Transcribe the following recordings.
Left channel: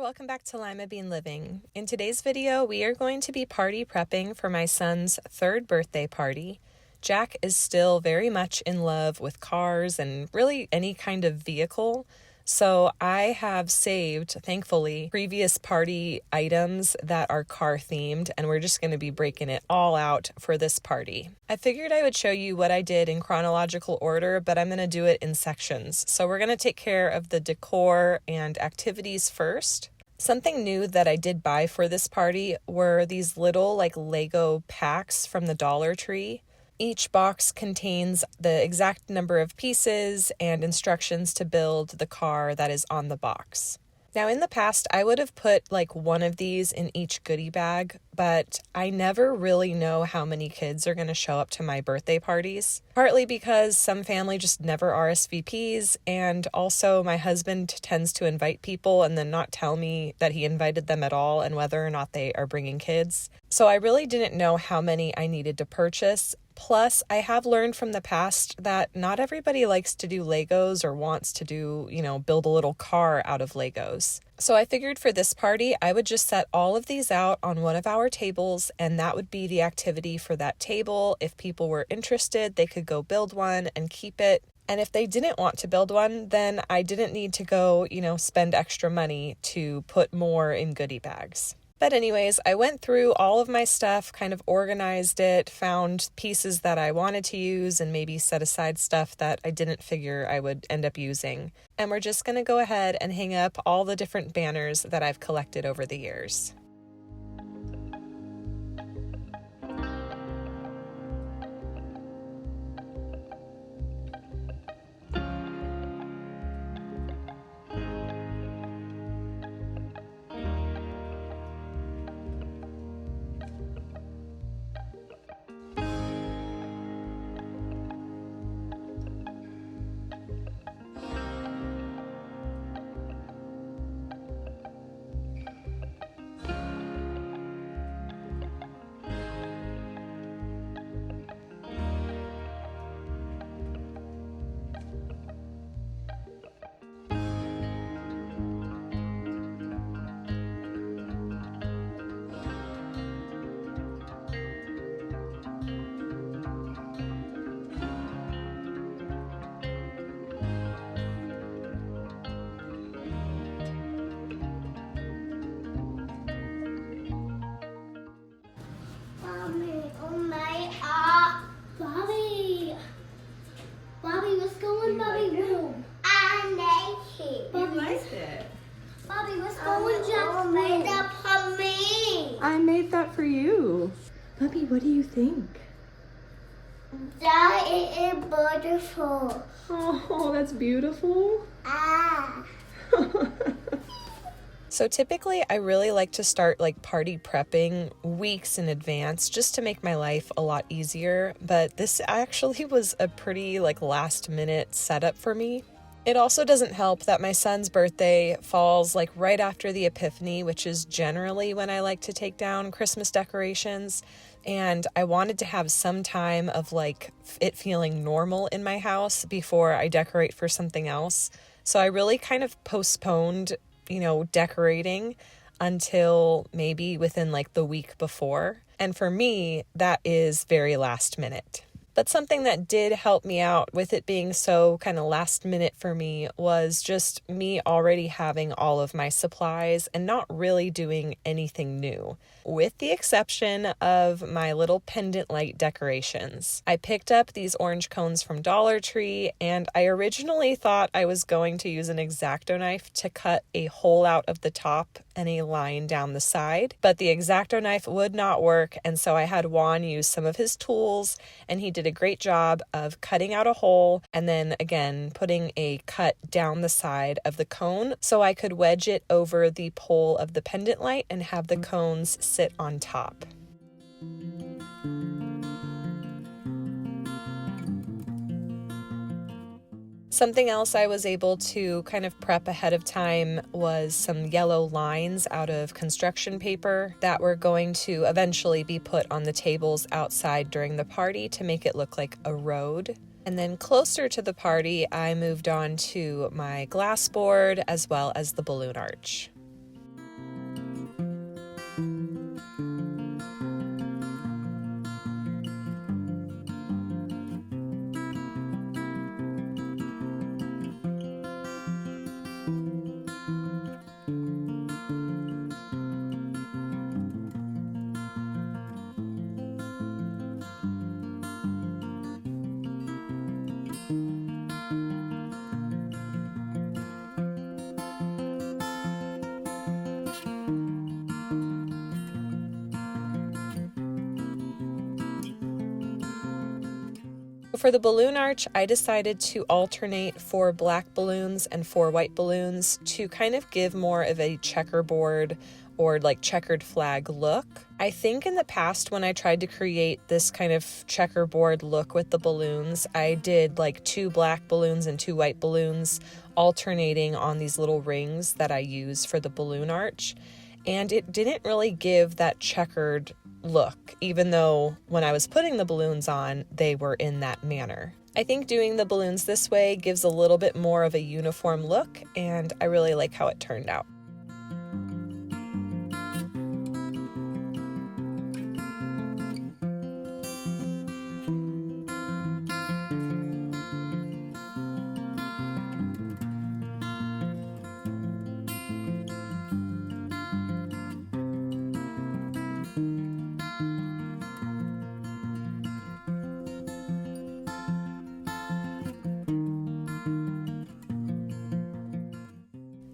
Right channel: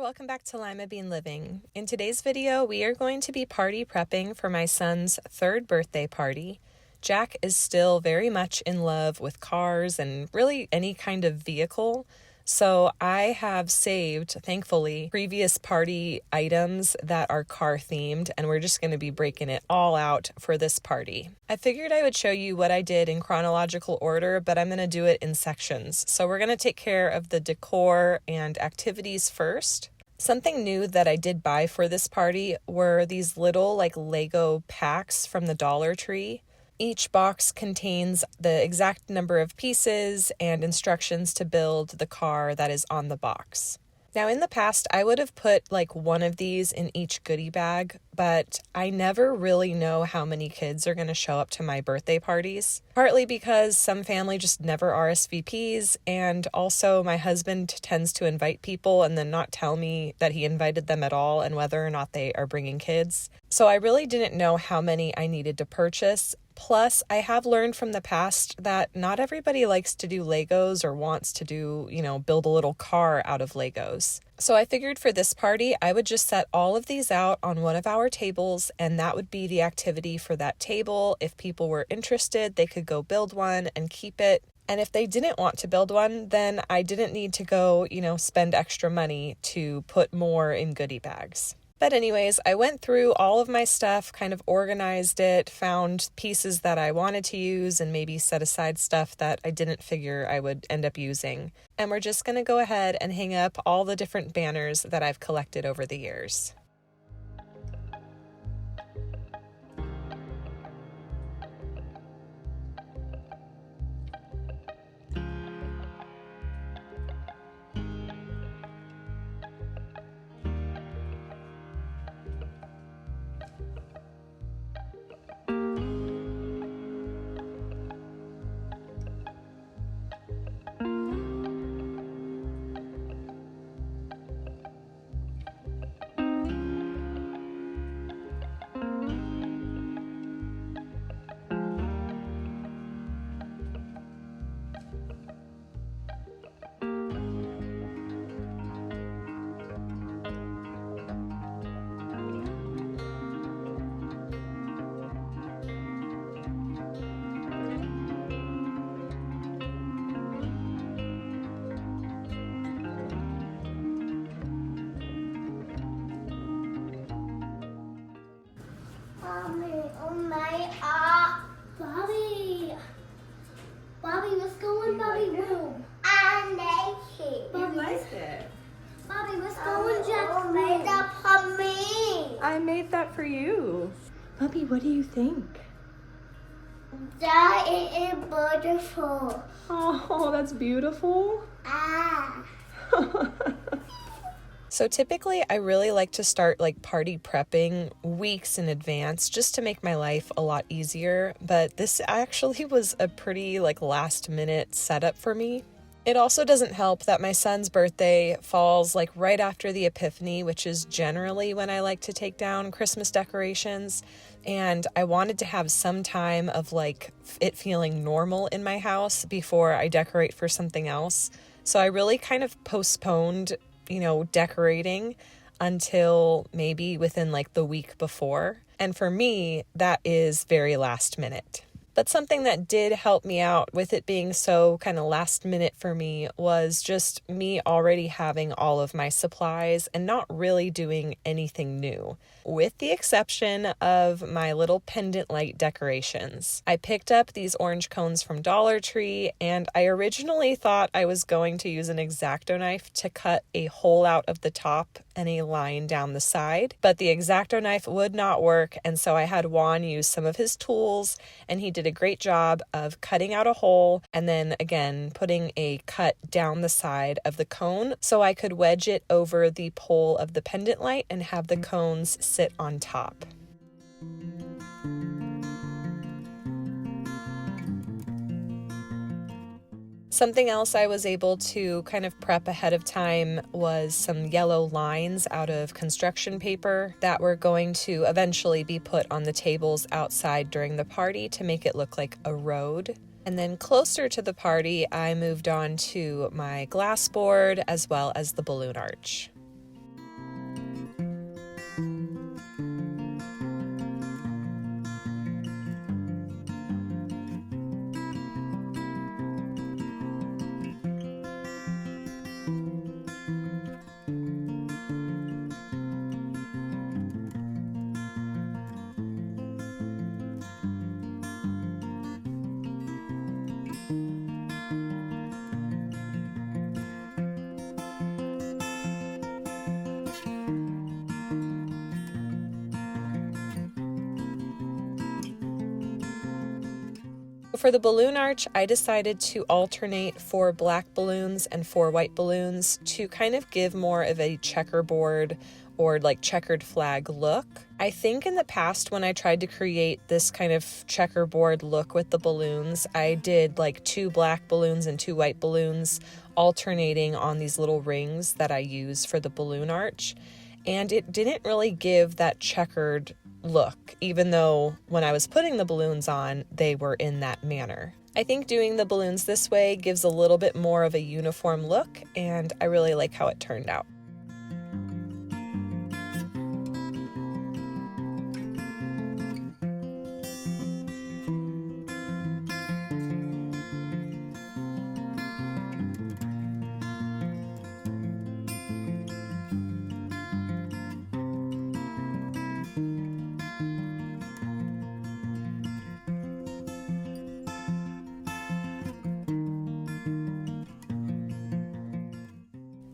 welcome back to Limabean Living. In today's video, we are going to be party prepping for my son's 3rd birthday party. Jack is still very much in love with cars and really any kind of vehicle, so I have saved, thankfully, previous party items that are car themed, and we're just going to be breaking it all out for this party. I figured I would show you what I did in chronological order, but I'm going to do it in sections. So we're going to take care of the decor and activities first. Something new that I did buy for this party were these little Lego packs from the Dollar Tree. Each box contains the exact number of pieces and instructions to build the car that is on the box. Now, in the past, I would have put one of these in each goodie bag, but I never really know how many kids are going to show up to my birthday parties, partly because some family just never RSVPs, and also my husband tends to invite people and then not tell me that he invited them at all and whether or not they are bringing kids. So I really didn't know how many I needed to purchase. Plus, I have learned from the past that not everybody likes to do Legos or wants to do, build a little car out of Legos. So I figured for this party, I would just set all of these out on one of our tables, and that would be the activity for that table. If people were interested, they could go build one and keep it. And if they didn't want to build one, then I didn't need to go, spend extra money to put more in goodie bags. But anyways, I went through all of my stuff, kind of organized it, found pieces that I wanted to use, and maybe set aside stuff that I didn't figure I would end up using. And we're just going to go ahead and hang up all the different banners that I've collected over the years. I made that for you. Bubby, what do you think? That is beautiful. Oh, that's beautiful. So typically I really like to start party prepping weeks in advance just to make my life a lot easier, but this actually was a pretty last minute setup for me. It also doesn't help that my son's birthday falls right after the Epiphany, which is generally when I like to take down Christmas decorations, and I wanted to have some time of it feeling normal in my house before I decorate for something else. So I really kind of postponed decorating until maybe within the week before. And for me, that is very last minute. But something that did help me out with it being so kind of last minute for me was just me already having all of my supplies and not really doing anything new, with the exception of my little pendant light decorations. I picked up these orange cones from Dollar Tree, and I originally thought I was going to use an X-Acto knife to cut a hole out of the top and a line down the side, but the X-Acto knife would not work, and so I had Juan use some of his tools, and he did a great job of cutting out a hole and then again putting a cut down the side of the cone so I could wedge it over the pole of the pendant light and have the cones sit on top. Something else I was able to kind of prep ahead of time was some yellow lines out of construction paper that were going to eventually be put on the tables outside during the party to make it look like a road. And then closer to the party, I moved on to my glass board as well as the balloon arch. for the balloon arch, I decided to alternate 4 black balloons and 4 white balloons to kind of give more of a checkerboard or like checkered flag look. I think in the past when I tried to create this kind of checkerboard look with the balloons, I did like 2 black balloons and 2 white balloons alternating on these little rings that I use for the balloon arch. And it didn't really give that checkered look, even though when I was putting the balloons on, they were in that manner. I think doing the balloons this way gives a little bit more of a uniform look, and I really like how it turned out.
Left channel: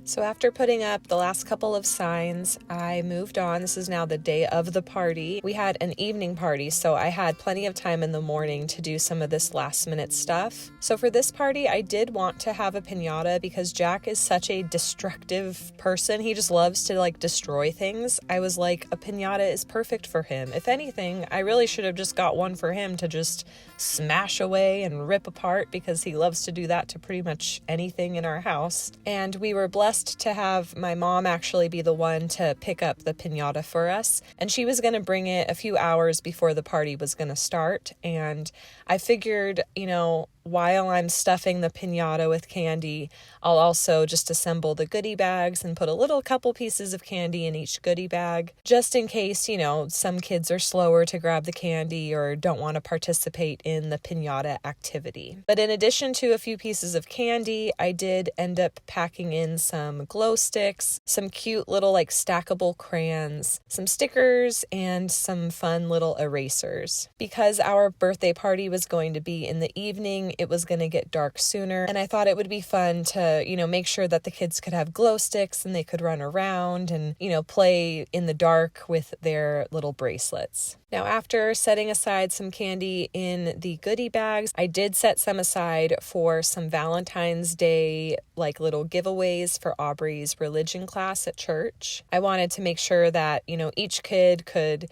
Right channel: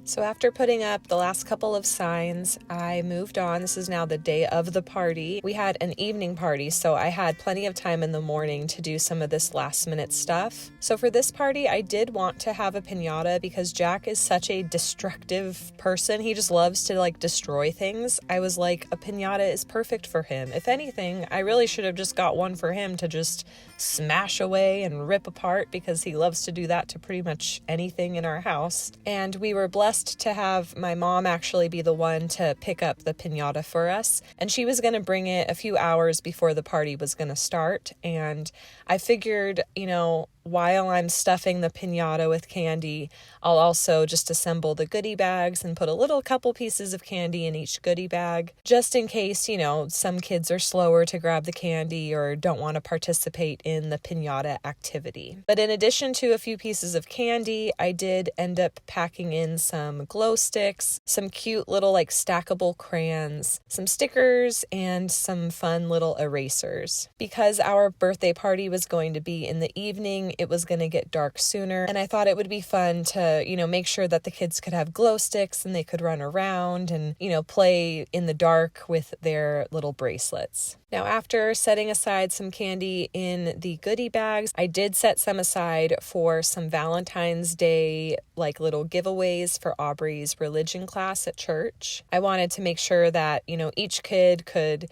So after putting up the last couple of signs, I moved on. This is now the day of the party. We had an evening party, so I had plenty of time in the morning to do some of this last minute stuff. So for this party, I did want to have a piñata because Jack is such a destructive person. He just loves to like destroy things. I was like, a piñata is perfect for him. If anything, I really should have just got one for him to just smash away and rip apart because he loves to do that to pretty much anything in our house. And we were blessed to have my mom actually be the one to pick up the piñata for us. And she was going to bring it a few hours before the party was going to start. And I figured, while I'm stuffing the piñata with candy, I'll also just assemble the goodie bags and put a couple pieces of candy in each goodie bag, just in case, some kids are slower to grab the candy or don't want to participate in the piñata activity. But in addition to a few pieces of candy, I did end up packing in some glow sticks, some cute little like stackable crayons, some stickers, and some fun little erasers. Because our birthday party was going to be in the evening, it was going to get dark sooner, and I thought it would be fun to, make sure that the kids could have glow sticks and they could run around and, play in the dark with their little bracelets. Now, after setting aside some candy in the goodie bags, I did set some aside for some Valentine's Day, like little giveaways for Aubrey's religion class at church. I wanted to make sure that, each kid could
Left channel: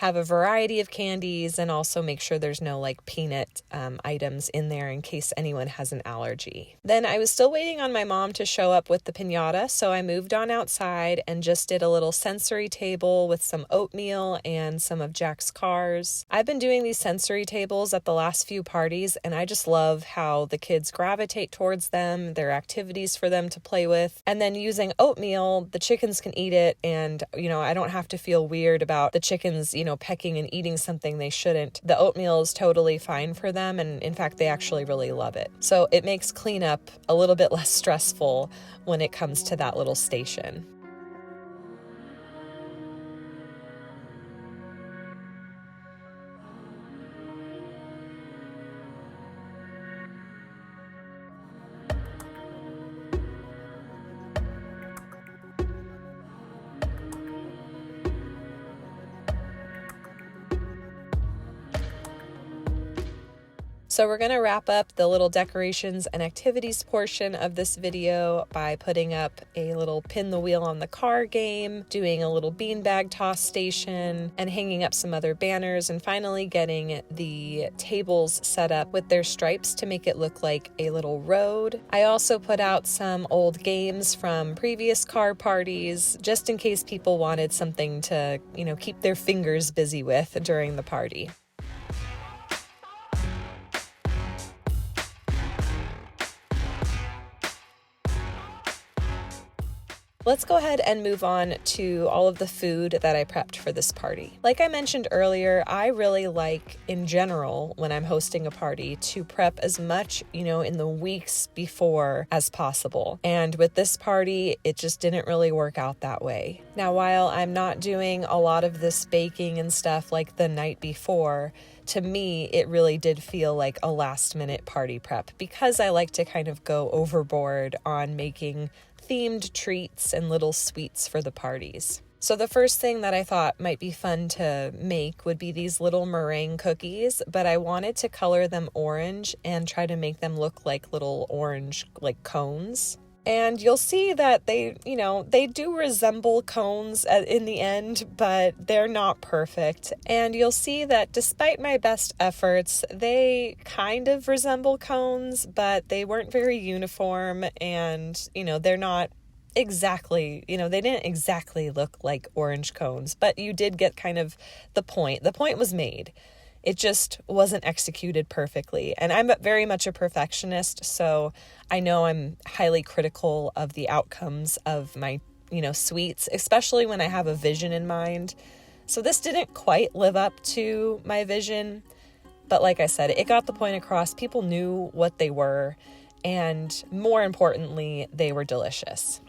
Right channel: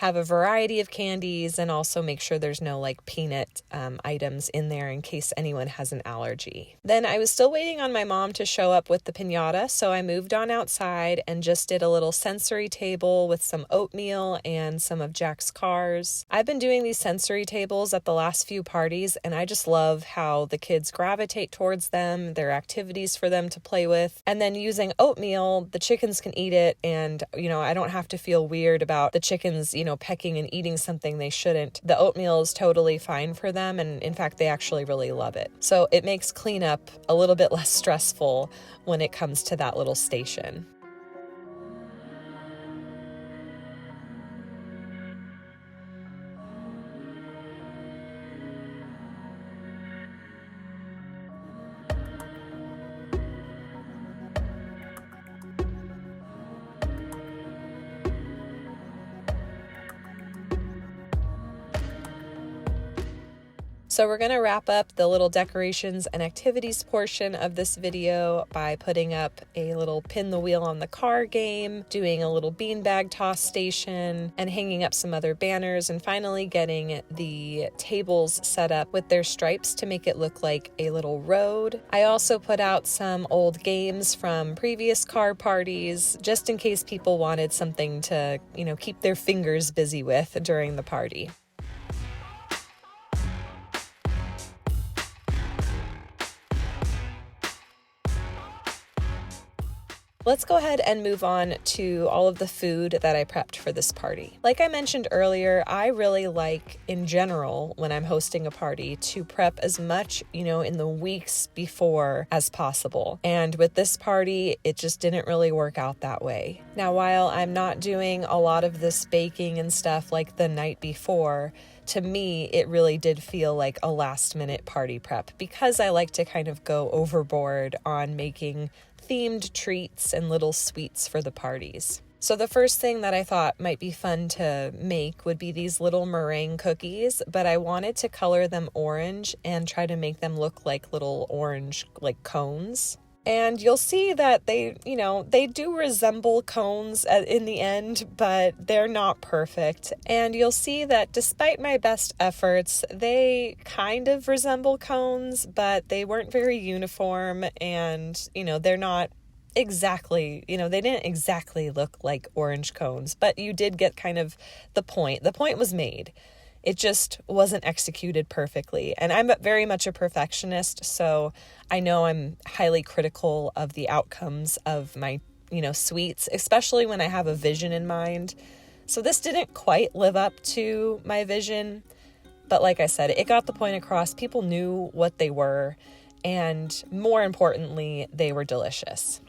have a variety of candies and also make sure there's no like peanut items in there in case anyone has an allergy. Then I was still waiting on my mom to show up with the piñata, so I moved on outside and just did a little sensory table with some oatmeal and some of Jack's cars. I've been doing these sensory tables at the last few parties, and I just love how the kids gravitate towards them, their activities for them to play with, and then using oatmeal, the chickens can eat it, and I don't have to feel weird about the chickens pecking and eating something they shouldn't. The oatmeal is totally fine for them, and in fact, they actually really love it. So it makes cleanup a little bit less stressful when it comes to that little station. So we're going to wrap up the little decorations and activities portion of this video by putting up a little pin the wheel on the car game, doing a little beanbag toss station, and hanging up some other banners, and finally getting the tables set up with their stripes to make it look like a little road. I also put out some old games from previous car parties, just in case people wanted something to, keep their fingers busy with during the party. Let's go ahead and move on to all of the food that I prepped for this party. Like I mentioned earlier, I really like, in general, when I'm hosting a party, to prep as much, in the weeks before as possible. And with this party, it just didn't really work out that way. Now, while I'm not doing a lot of this baking and stuff like the night before, to me, it really did feel like a last-minute party prep because I like to kind of go overboard on making themed treats and little sweets for the parties. So the first thing that I thought might be fun to make would be these little meringue cookies, but I wanted to color them orange and try to make them look like little orange like cones. And you'll see that they do resemble cones in the end, but they're not perfect. And you'll see that despite my best efforts, they kind of resemble cones, but they weren't very uniform, and, they're not exactly, they didn't exactly look like orange cones, but you did get kind of the point. The point was made. It just wasn't executed perfectly. And I'm very much a perfectionist, so I know I'm highly critical of the outcomes of my, sweets, especially when I have a vision in mind. So this didn't quite live up to my vision, but like I said, it got the point across. People knew what they were, and more importantly, they were delicious.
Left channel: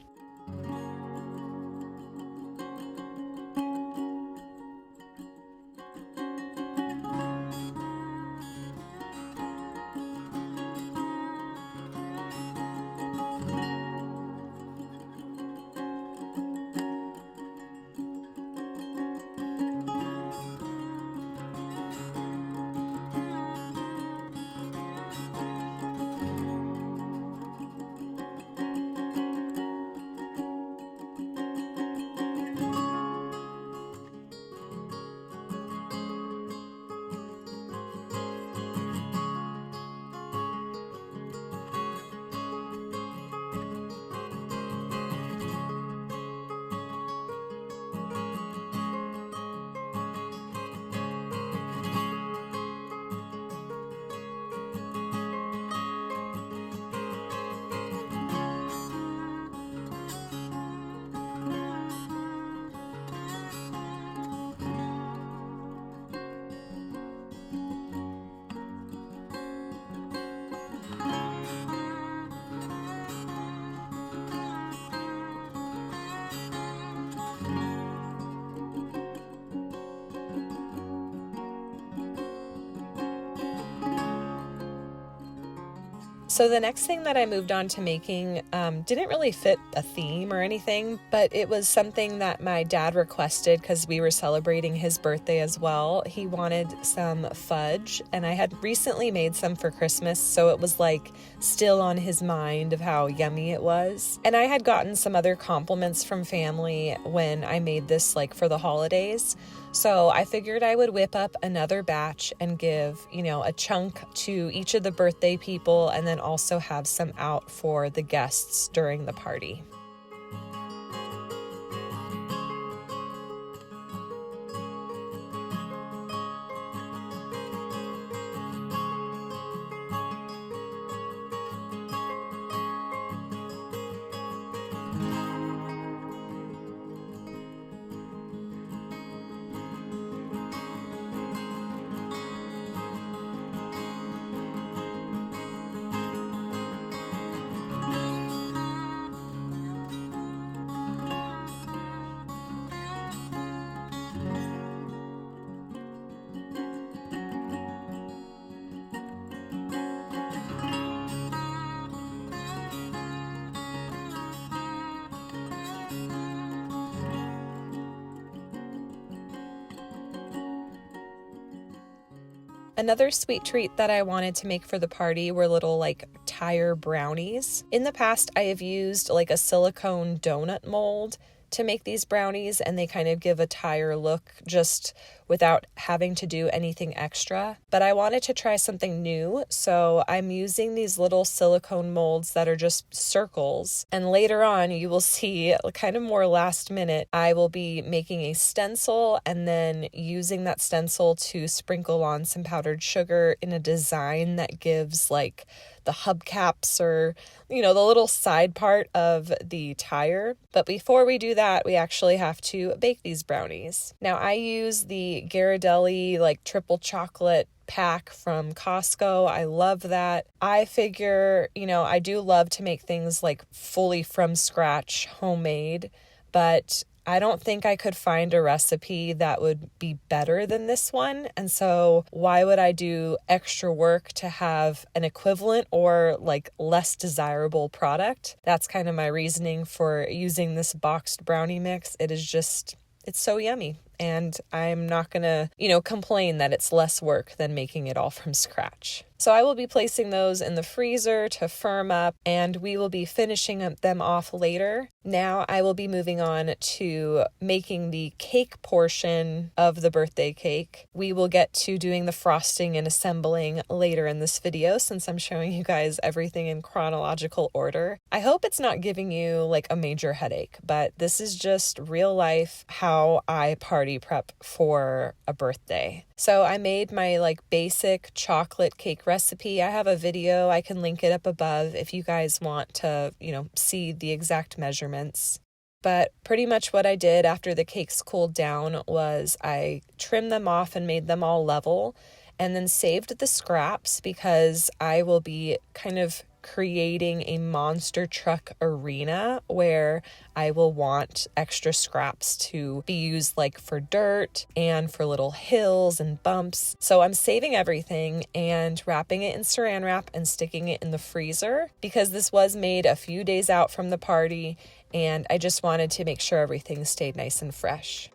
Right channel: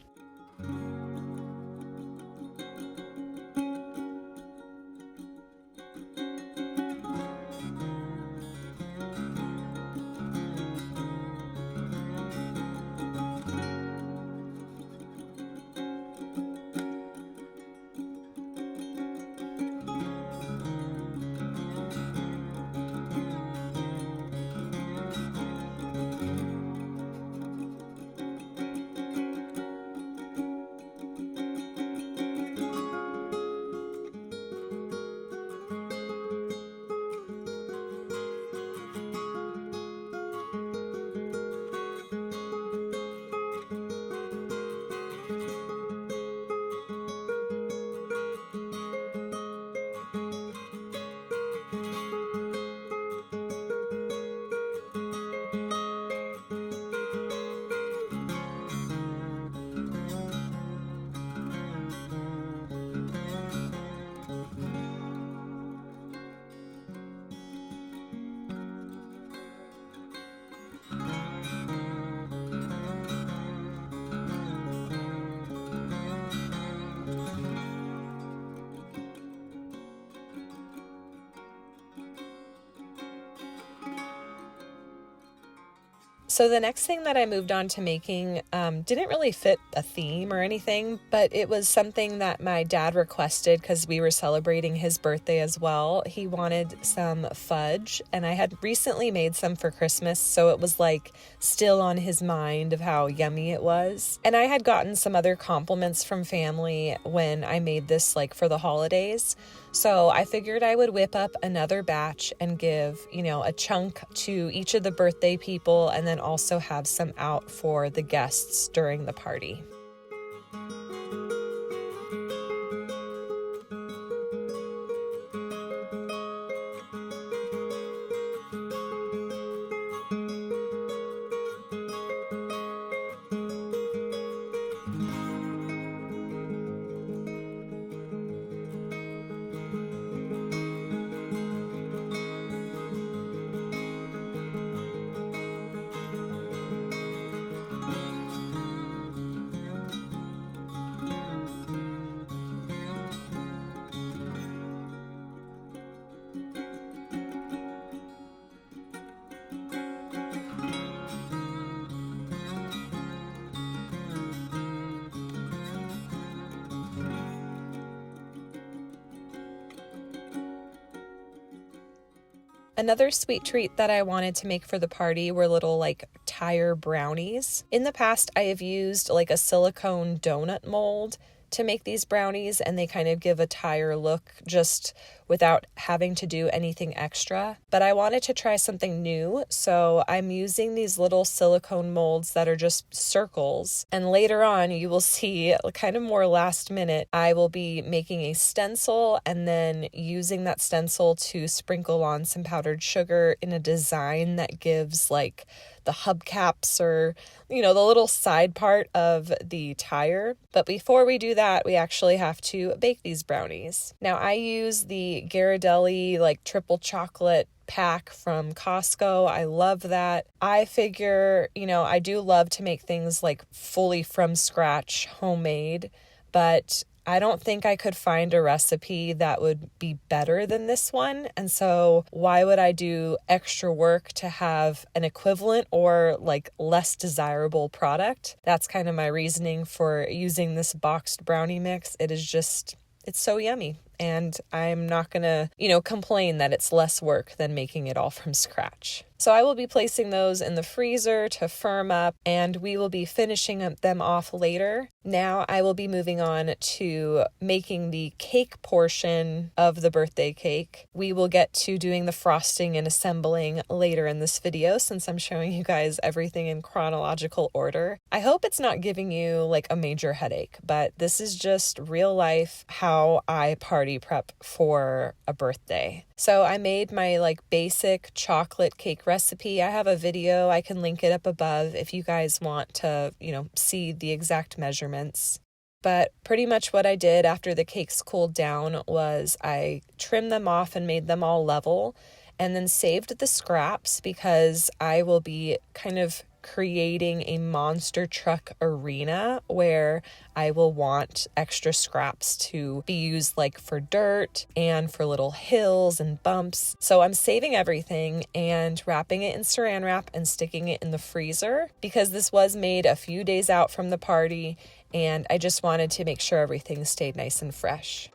So the next thing that I moved on to making didn't really fit a theme or anything, but it was something that my dad requested because we were celebrating his birthday as well. He wanted some fudge, and I had recently made some for Christmas, so it was like still on his mind of how yummy it was. And I had gotten some other compliments from family when I made this like for the holidays. So I figured I would whip up another batch and give, a chunk to each of the birthday people, and then also have some out for the guests during the party. Another sweet treat that I wanted to make for the party were little tire brownies. In the past, I have used a silicone donut mold to make these brownies, and they kind of give a tire look just without having to do anything extra. But I wanted to try something new, so I'm using these little silicone molds that are just circles. And later on, you will see, kind of more last minute, I will be making a stencil and then using that stencil to sprinkle on some powdered sugar in a design that gives the hubcaps or, the little side part of the tire. But before we do that, we actually have to bake these brownies. Now, I use the Ghirardelli triple chocolate pack from Costco. I love that. I figure, I do love to make things fully from scratch, homemade, but I don't think I could find a recipe that would be better than this one. And so why would I do extra work to have an equivalent or like less desirable product? That's kind of my reasoning for using this boxed brownie mix. It's so yummy. And I'm not gonna, complain that it's less work than making it all from scratch. So I will be placing those in the freezer to firm up, and we will be finishing them off later. Now I will be moving on to making the cake portion of the birthday cake. We will get to doing the frosting and assembling later in this video, since I'm showing you guys everything in chronological order. I hope it's not giving you like a major headache, but this is just real life how I party prep for a birthday. So I made my like basic chocolate cake recipe. I have a video. I can link it up above if you guys want to, see the exact measurements. But pretty much what I did after the cakes cooled down was I trimmed them off and made them all level, and then saved the scraps because I will be kind of creating a monster truck arena where I will want extra scraps to be used like for dirt and for little hills and bumps. So I'm saving everything and wrapping it in saran wrap and sticking it in the freezer because this was made a few days out from the party, and I just wanted to make sure everything stayed nice and fresh.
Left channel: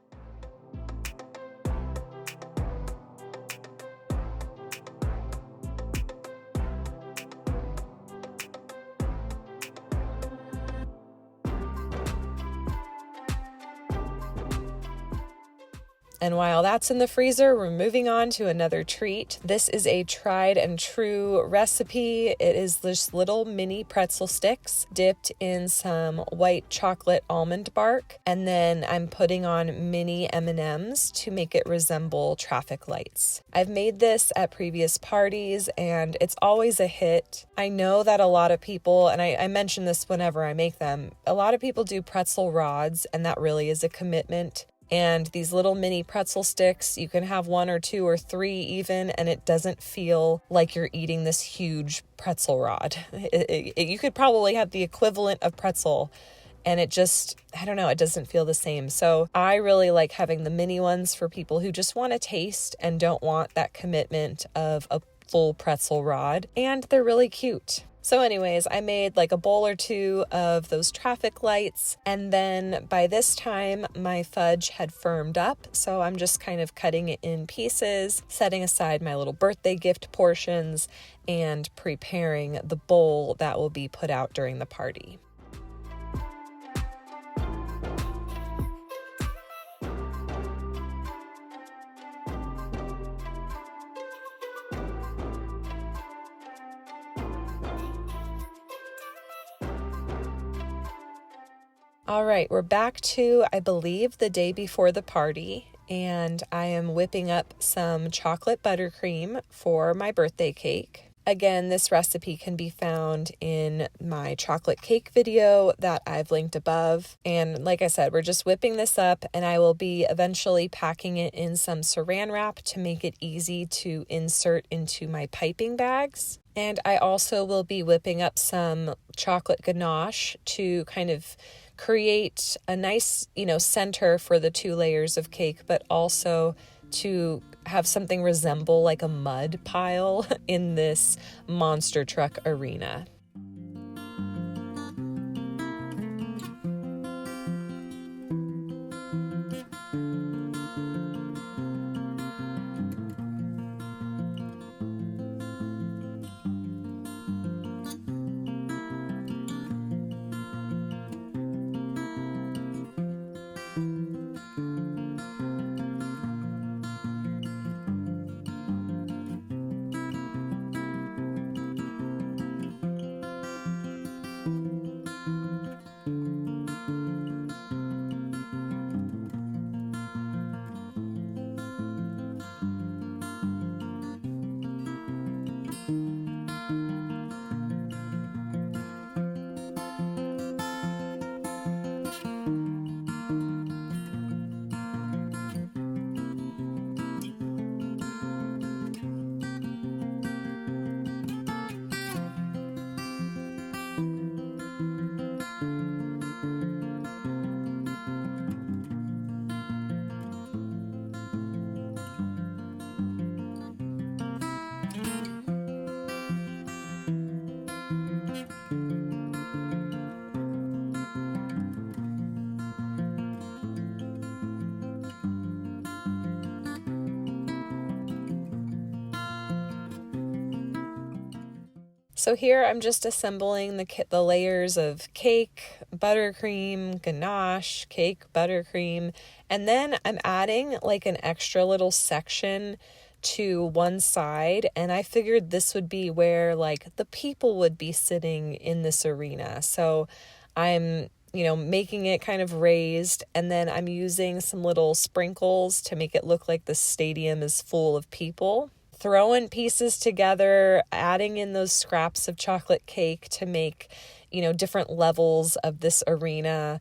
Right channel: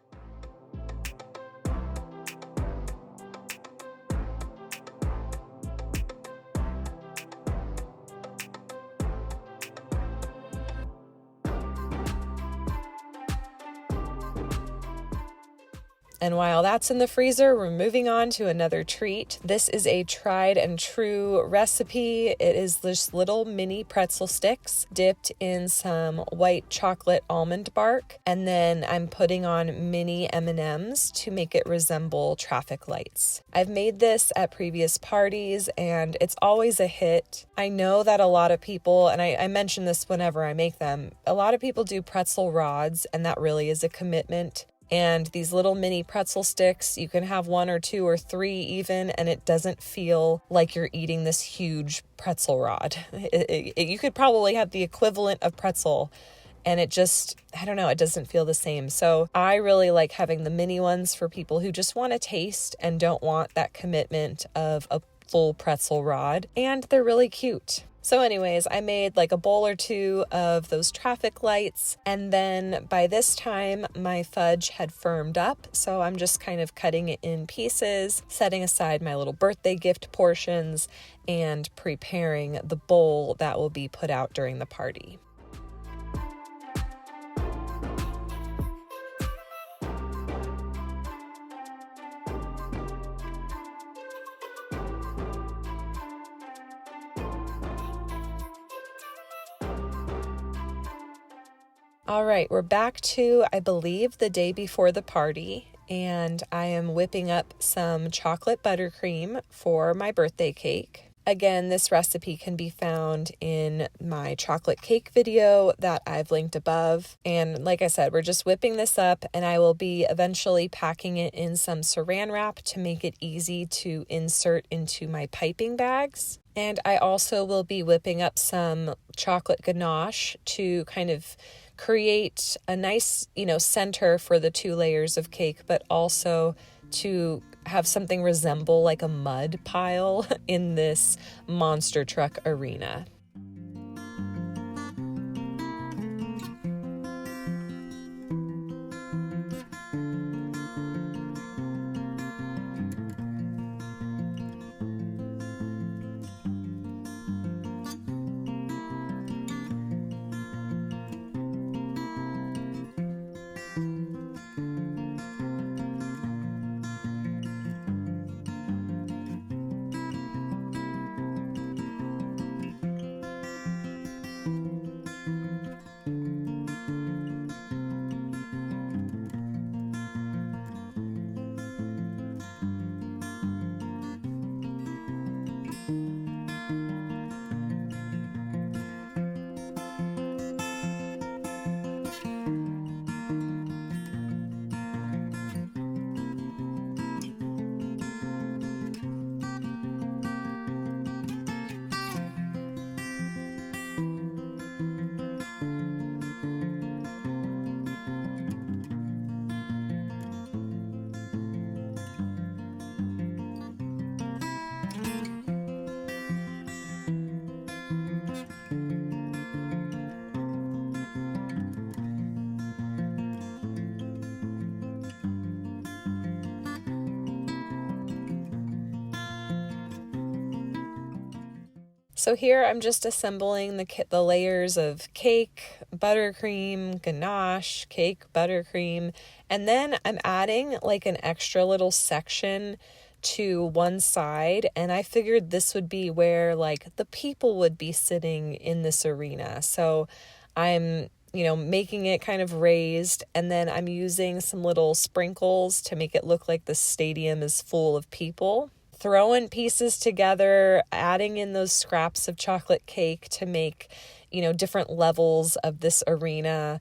And while that's in the freezer, we're moving on to another treat. This is a tried and true recipe. It is this little mini pretzel sticks dipped in some white chocolate almond bark. And then I'm putting on mini M&Ms to make it resemble traffic lights. I've made this at previous parties and it's always a hit. I know that a lot of people, and I mention this whenever I make them, a lot of people do pretzel rods, and that really is a commitment. And these little mini pretzel sticks, you can have 1 or 2 or 3 even, and it doesn't feel like you're eating this huge pretzel rod. You could probably have the equivalent of pretzel, and it just, I don't know, it doesn't feel the same. So I really like having the mini ones for people who just want to taste and don't want that commitment of a full pretzel rod, and they're really cute. So anyways, I made like a bowl or 2 of those traffic lights, and then by this time my fudge had firmed up, so I'm just kind of cutting it in pieces, setting aside my little birthday gift portions, and preparing the bowl that will be put out during the party. All right, we're back to, I believe, the day before the party, and I am whipping up some chocolate buttercream for my birthday cake. Again, this recipe can be found in my chocolate cake video that I've linked above. And like I said, we're just whipping this up, and I will be eventually packing it in some saran wrap to make it easy to insert into my piping bags. And I also will be whipping up some chocolate ganache to kind of create a nice, center for the 2 layers of cake, but also to have something resemble like a mud pile in this monster truck arena. So here I'm just assembling the layers of cake, buttercream, ganache, cake, buttercream, and then I'm adding like an extra little section to one side, and I figured this would be where like the people would be sitting in this arena. So I'm making it kind of raised, and then I'm using some little sprinkles to make it look like the stadium is full of people. Throwing pieces together, adding in those scraps of chocolate cake to make, different levels of this arena,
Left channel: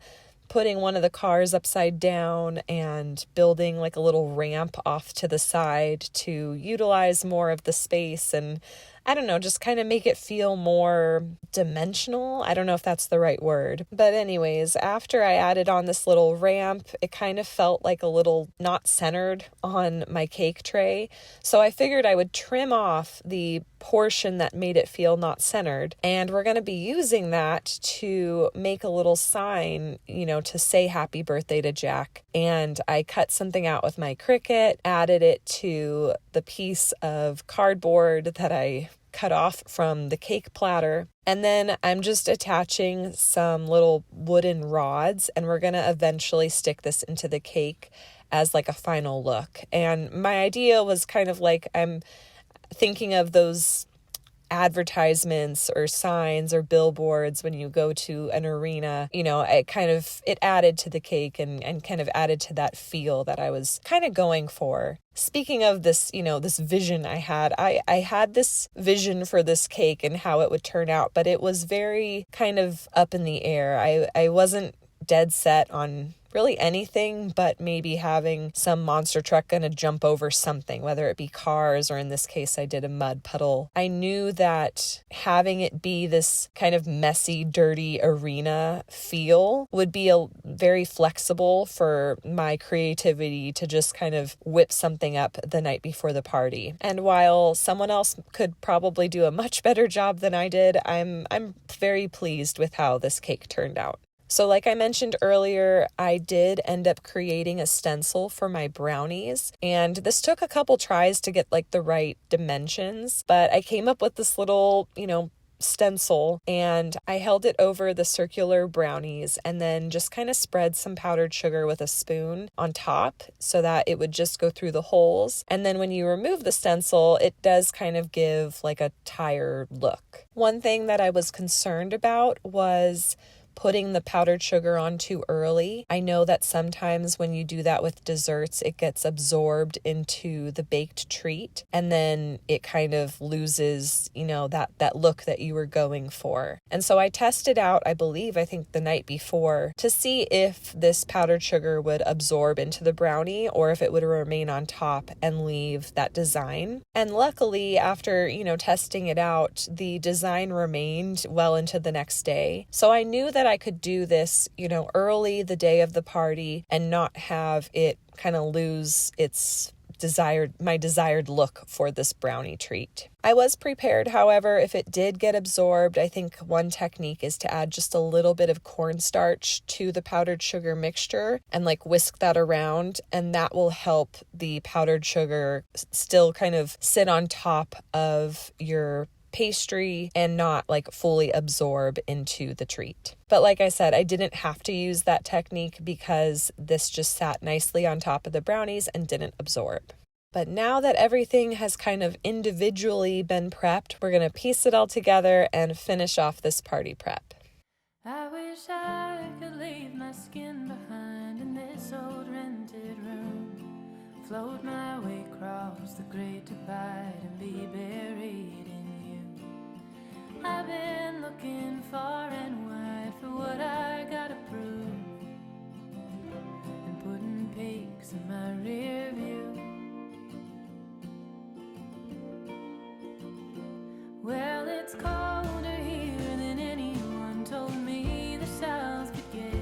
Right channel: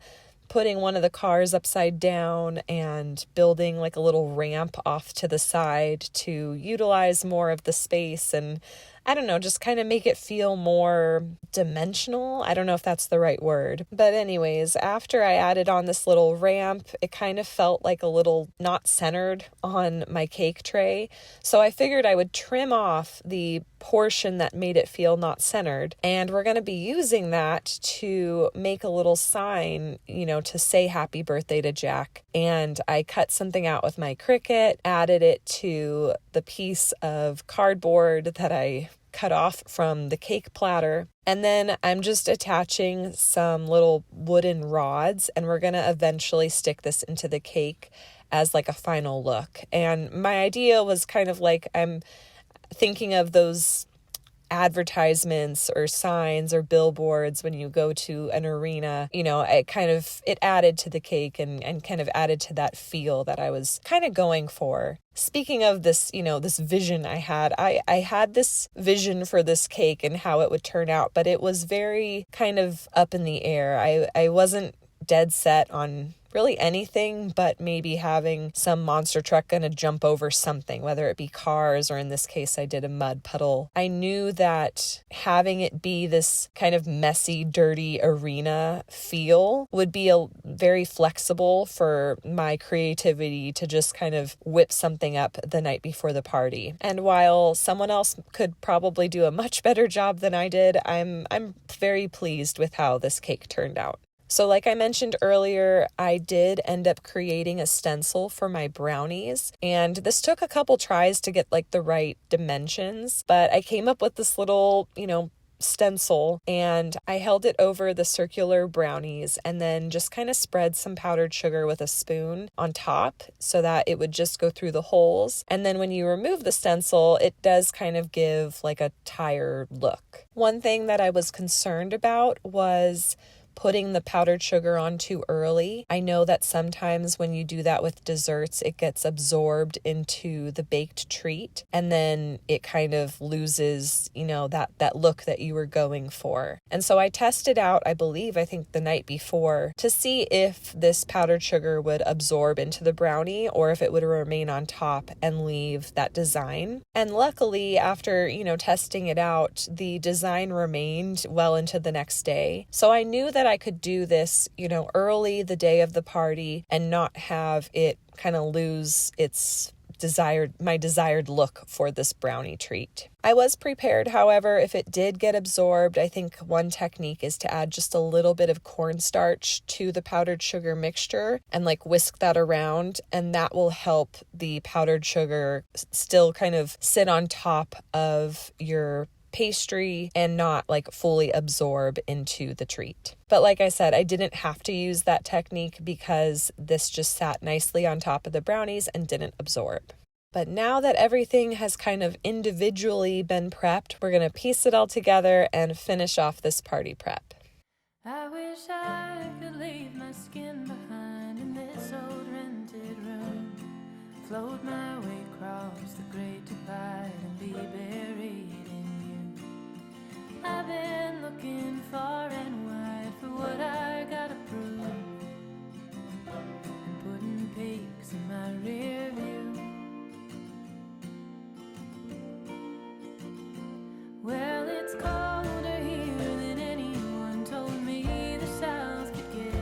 putting one of the cars upside down and building like a little ramp off to the side to utilize more of the space and I don't know, just kind of make it feel more dimensional. I don't know if that's the right word. But anyways, after I added on this little ramp, it kind of felt like a little not centered on my cake tray. So I figured I would trim off the portion that made it feel not centered. And we're going to be using that to make a little sign, to say happy birthday to Jack. And I cut something out with my Cricut, added it to the piece of cardboard that I cut off from the cake platter. And then I'm just attaching some little wooden rods, and we're going to eventually stick this into the cake as like a final look. And my idea was kind of like I'm thinking of those advertisements or signs or billboards when you go to an arena. It added to the cake and kind of added to that feel that I was kind of going for. Speaking of this, this vision I had this vision for this cake and how it would turn out, but it was very kind of up in the air. I wasn't dead set on really anything but maybe having some monster truck gonna jump over something, whether it be cars or in this case I did a mud puddle. I knew that having it be this kind of messy, dirty arena feel would be very flexible for my creativity to just kind of whip something up the night before the party. And while someone else could probably do a much better job than I did, I'm very pleased with how this cake turned out. So like I mentioned earlier, I did end up creating a stencil for my brownies, and this took a couple tries to get like the right dimensions, but I came up with this little, stencil, and I held it over the circular brownies and then just kind of spread some powdered sugar with a spoon on top so that it would just go through the holes. And then when you remove the stencil, it does kind of give like a tired look. One thing that I was concerned about was putting the powdered sugar on too early. I know that sometimes when you do that with desserts, it gets absorbed into the baked treat and then it kind of loses, that look that you were going for. And so I tested out, I think the night before to see if this powdered sugar would absorb into the brownie or if it would remain on top and leave that design. And luckily, after, testing it out, the design remained well into the next day. So I knew that I could do this, early the day of the party and not have it kind of lose my desired look for this brownie treat. I was prepared, however, if it did get absorbed. I think one technique is to add just a little bit of cornstarch to the powdered sugar mixture and like whisk that around, and that will help the powdered sugar still kind of sit on top of your pastry and not like fully absorb into the treat. But like I said, I didn't have to use that technique because this just sat nicely on top of the brownies and didn't absorb. But now that everything has kind of individually been prepped, we're going to piece it all together and finish off this party prep. I wish I could leave my skin behind in this old rented room, float my way across the great divide and be buried in you. I've been looking far and wide for what I gotta prove and putting peaks in my rear view. Well, it's colder here than anyone told me the South could get,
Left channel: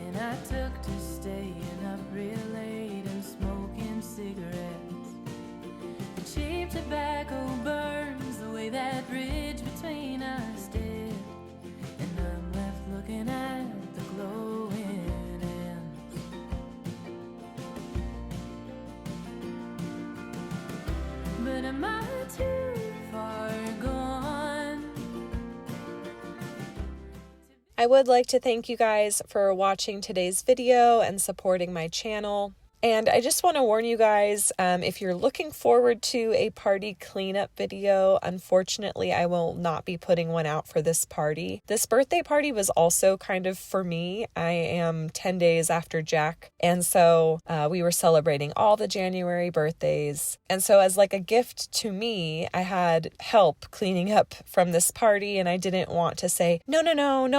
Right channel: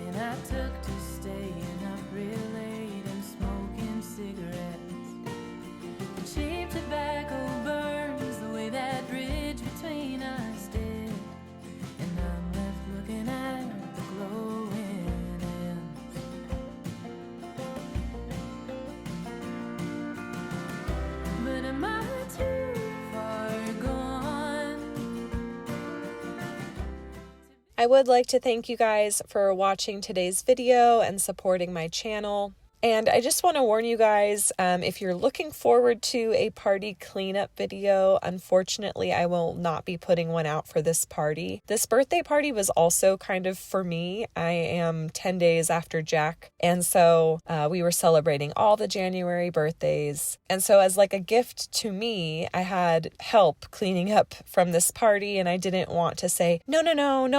and I took to staying up real late and smoking cigarettes. The cheap tobacco burns the way that bridge between us did, and I'm left looking at the glowing ends. But am I too far gone I would like to thank you guys for watching today's video and supporting my channel. And I just want to warn you guys, if you're looking forward to a party cleanup video, unfortunately, I will not be putting one out for this party. This birthday party was also kind of for me. I am 10 days after Jack, and so we were celebrating all the January birthdays. And so as like a gift to me, I had help cleaning up from this party, and I didn't want to say, no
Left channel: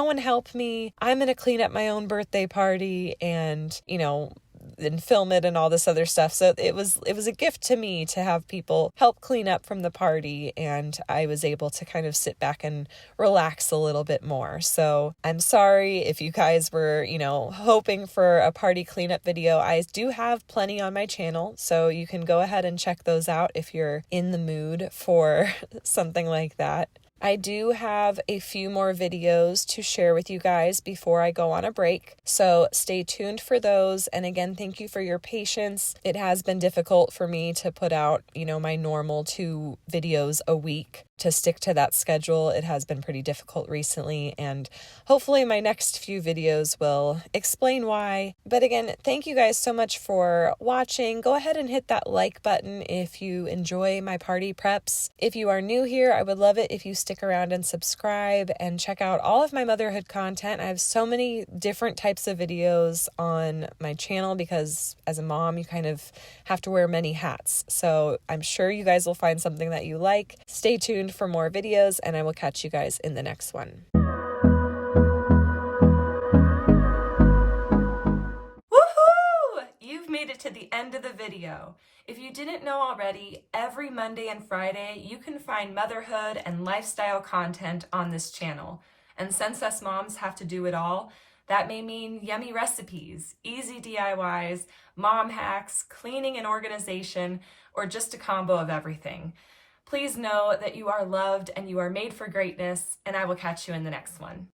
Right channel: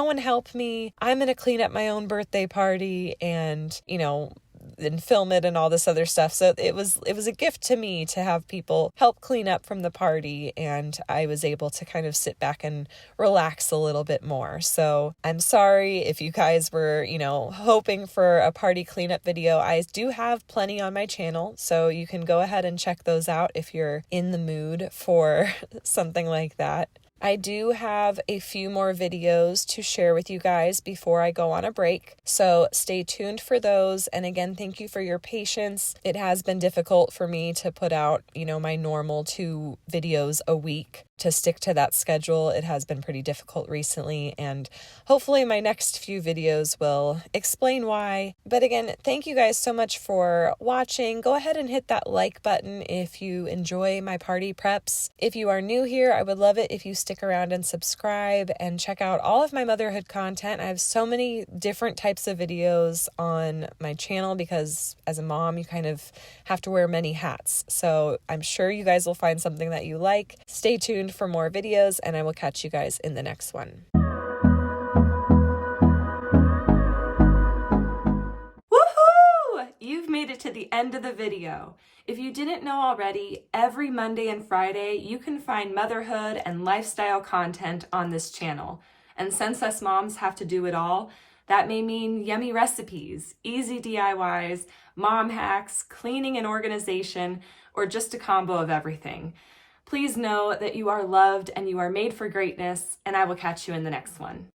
one help me. I'm going to clean up my own birthday party and, and film it and all this other stuff. So it was a gift to me to have people help clean up from the party, and I was able to kind of sit back and relax a little bit more. So I'm sorry if you guys were, hoping for a party cleanup video. I do have plenty on my channel, so you can go ahead and check those out if you're in the mood for something like that. I do have a few more videos to share with you guys before I go on a break, so stay tuned for those. And again, thank you for your patience. It has been difficult for me to put out, my normal 2 videos a week. To stick to that schedule, it has been pretty difficult recently, and hopefully my next few videos will explain why. But again, thank you guys so much for watching. Go ahead and hit that like button if you enjoy my party preps. If you are new here, I would love it if you stick around and subscribe and check out all of my motherhood content. I have so many different types of videos on my channel because as a mom, you kind of have to wear many hats. So I'm sure you guys will find something that you like. Stay tuned for more videos, and I will catch you guys in the next one. Woohoo! You've made it to the end of the video. If you didn't know already, every Monday and Friday you can find motherhood and lifestyle content on this channel. And since us moms have to do it all, that may mean yummy recipes, easy DIYs, mom hacks, cleaning and organization, or just a combo of everything. Please know that you are loved and you are made for greatness, and I will catch you in the next one.